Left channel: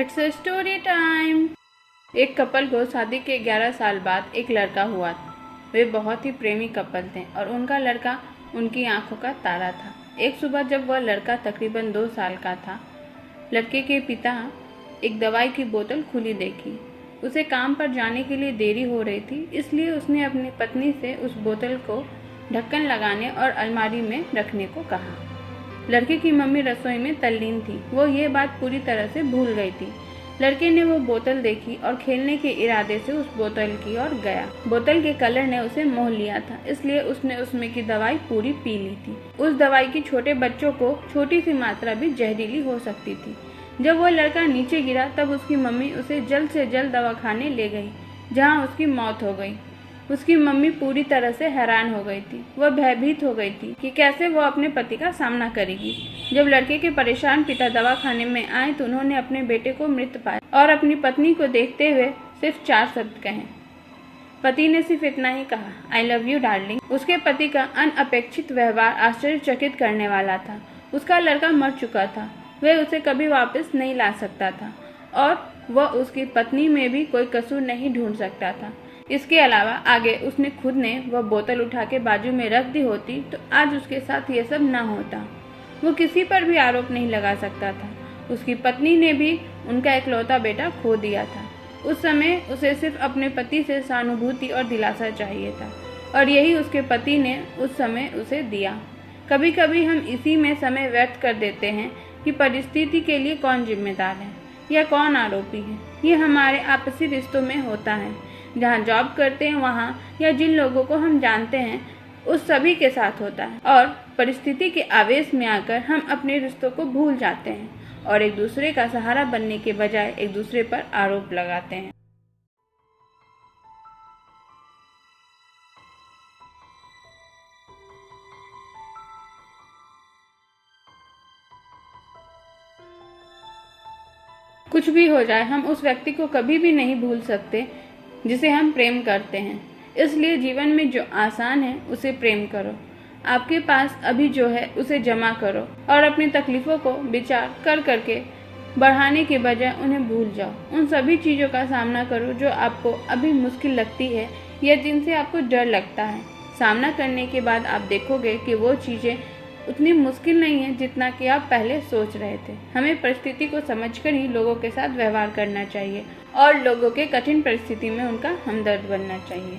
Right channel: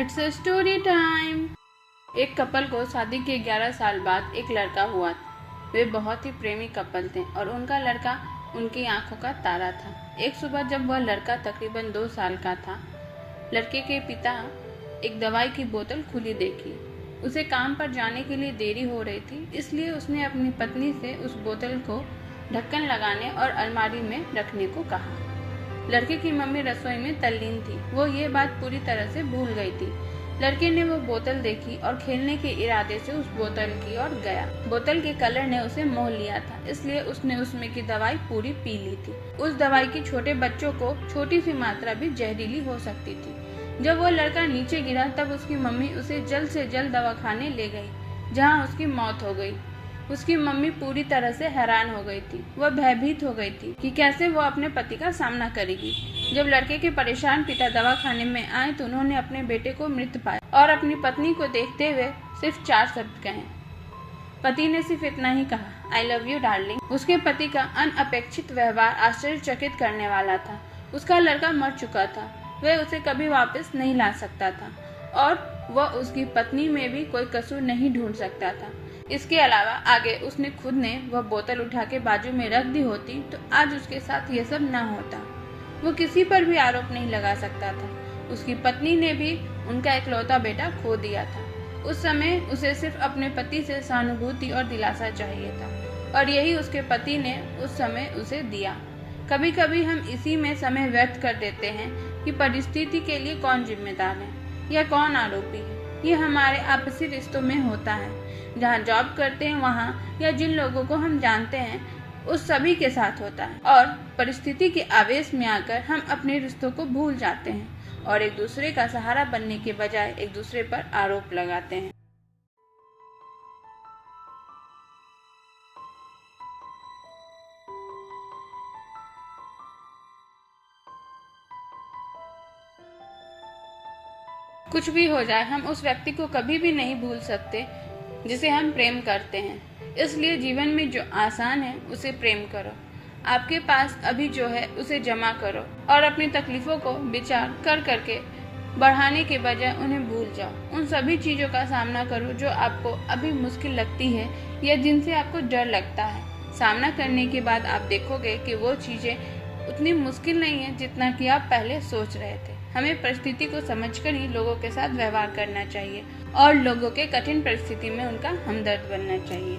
It's a story time. एक couple को शादी के 11 साल बाद एक लड़का हुआ। वे बहुत ही प्रेमी कपल थे और उनका लड़का उनकी आंखों का तारा था। एक सुबह जब वह लड़का तकरीबन 2 साल का था, लड़के के पिता एक दवाई की बोतल खुली देखी। उसे काम पर जाने के लिए देरी हो रही थी, इसलिए उसने अपनी पत्नी से उस बोतल को ढक्कन लगाने और अलमारी में रखने को कहा। लड़के की मम्मी रसोई में तल्लीन थी। वो ये बात पूरी तरह से भूल गई थी। लड़के ने वो बोतल देखी और खेलने के इरादे से उस बोतल की ओर गया। बोतल के कलर ने उसे मोह लिया था, इसलिए उसने उसमें की दवाई पूरी पी ली थी। उस दवाई की छोटे बच्चों को छोटी सी मात्रा भी जहरीली हो सकती थी। जब वो लड़का नीचे गिरा तब उसकी मम्मी उसे जल्द से जल्द दवाखाने ले गई, जहाँ उसकी मौत हो गई। उसकी मम्मी पूरी तरह से हैरान हो गई थी। वह भयभीत हो गई थी कि कैसे वो अपने पति का सामना करेगी। जब लड़के के परेशान पिता दवाखाने में आए तो उन्होंने अपने बेटे को मृत पाया और अपनी पत्नी को देखते हुए सिर्फ 4 शब्द कहे। पति ने सिर्फ इतना ही कहा, आई लव यू डार्लिंग। उसके पति का अनअपेक्षित व्यवहार आश्चर्यचकित करने वाला था। उसका लड़का मर चुका था, वह उसे कभी वापस नहीं ला सकता था और वह उसकी पत्नी में भी कोई कसूर नहीं ढूंढ सकता था। इसके अलावा आगे उसने खुद ने वह बोतल उठा के बाजू में रख दी होती तो आज उसके साथ ये सब न होता। वो किसी पर भी आरोप नहीं लगा सकता था। उसकी पत्नी ने भी उनका इकलौता बेटा खो दिया था। उस समय उसे सिर्फ अपने पति से सहानुभूति और दिलासा चाहिए था और यही उसके पति ने उस समय उसे दिया। कभी कभी हम इसी में समय व्यर्थ कर देते हैं कि परिस्थिति के लिए कौन जिम्मेदार है या कौन आरोपी है। ये हमारे आपसी रिश्तों में होता है, जहाँ जॉब करते हैं वहाँ, या जिन लोगों को हम जानते हैं उस सभी के साथ होता है। और परिस्थिति के आवेश में आकर हम अपने रिश्तों को भूल जाते हैं और एक दूसरे का सहारा बनने के बजाय एक दूसरे पर आरोप लगाते हैं। कुछ भी हो जाए, हम उस व्यक्ति को कभी भी नहीं भूल सकते जिसे हम प्रेम करते हैं। इसलिए जीवन में जो आसान है उसे प्रेम करो। आपके पास अभी जो है उसे जमा करो और अपनी तकलीफों को विचार कर करके बढ़ाने के बजाय उन्हें भूल जाओ। उन सभी चीज़ों का सामना करो जो आपको अभी मुश्किल लगती है या जिनसे आपको डर लगता है। सामना करने के बाद आप देखोगे कि वो चीज़ें उतनी मुश्किल नहीं है जितना कि आप पहले सोच रहे थे। हमें परिस्थिति को समझकर ही लोगों के साथ व्यवहार करना चाहिए और लोगों के कठिन परिस्थिति में उनका हमदर्द बनना चाहिए।